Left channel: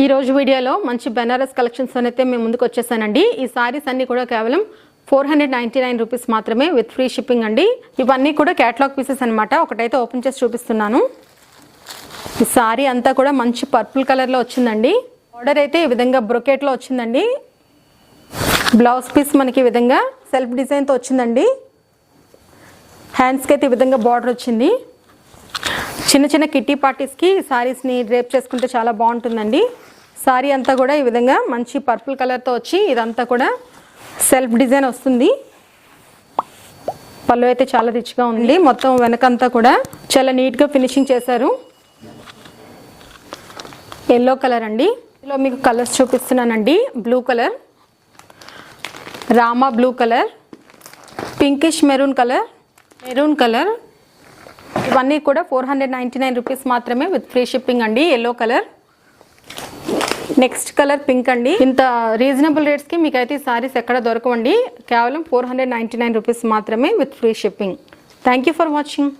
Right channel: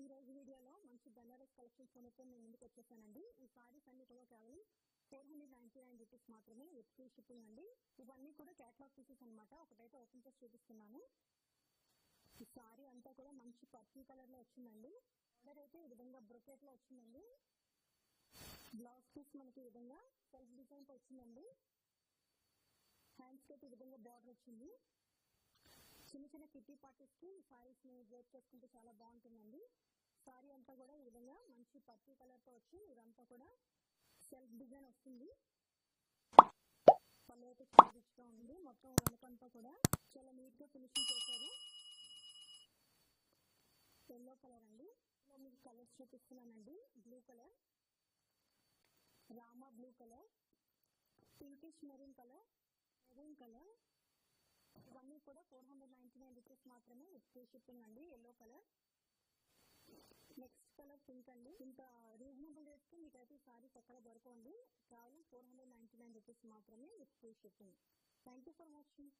ఈ రోజు వీడియోలో మంచి బెనారస్ కలెక్షన్స్ అయితే మేము ముందుకు వచ్చేసానండి. ఈ సారీస్ అన్ని కూడా కేవలం 499 రూపీస్ మాత్రమే విత్ ఫ్రీ షిప్పింగ్ అండి. ఇవన్నీ కూడా కేటలాగ్ పీసెస్ అన్నమాట. ఒకటైతే ఓపెన్ చేసి చూపిస్తున్నాను. ఈ సారీ అంతా కూడా మంచి పర్పుల్ కలర్లో వచ్చిందండి. ఆర్డర్ అయితే ఈ విధంగా బ్రొకెట్లో వచ్చిందండి. బ్లౌజ్ పీస్ మనకి ఈ విధంగా సెల్ఫ్ డిజైన్తో వచ్చిందండి. హ్యాండ్స్కి అయితే ఈ విధంగా బార్డర్ వచ్చింది. చిన్న చిన్న కిట్టి పార్టీస్కి సారీస్ని డ్రేప్ చేసుకుంటే చాలా బాగుంటుందండి. సారీ అంతా కూడా ఈ విధంగా మంచి పర్పుల్ కలర్తో వచ్చి ఇదంతా కూడా సెల్ఫ్ డిజైన్ వస్తుంది. పళ్ళు అయితే చాలా రిచ్గా ఉంది. మొత్తం వెనకంతా కూడా చాలా నీట్గా ఫినిషింగ్ చేశారు. ఎల్లో కలర్ అండి. ఇందులో మీకు కలర్స్ చూపిస్తున్నానండి. Blue colour, Rama blue colour, pinkish maroon colour, maroon colour. ఇవన్నీ కూడా 499 రూపీస్ మాత్రమే విత్ ఫ్రీ షిప్పింగ్ అండి. Yellow colour, next colour pink అండి. ఇంత రీజనబుల్ రేట్స్కి మీకు అయితే ఈ సారీస్ ఎక్కడ దొరకవండి. కేవలం 499 రూపీస్ మాత్రమే with free shipping. Thank you for watching.